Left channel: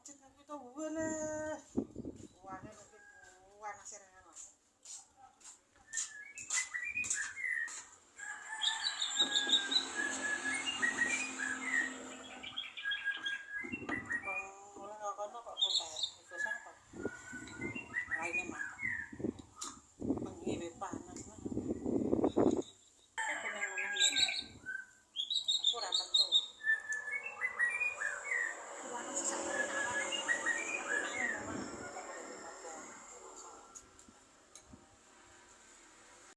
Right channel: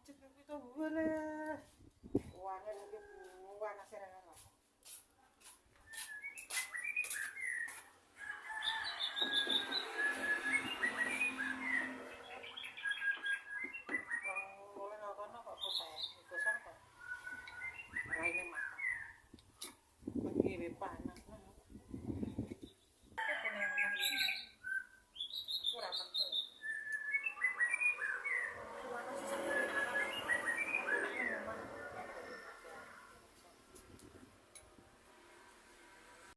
macet nih kita boleh. Uangnya lagi buan asirnya.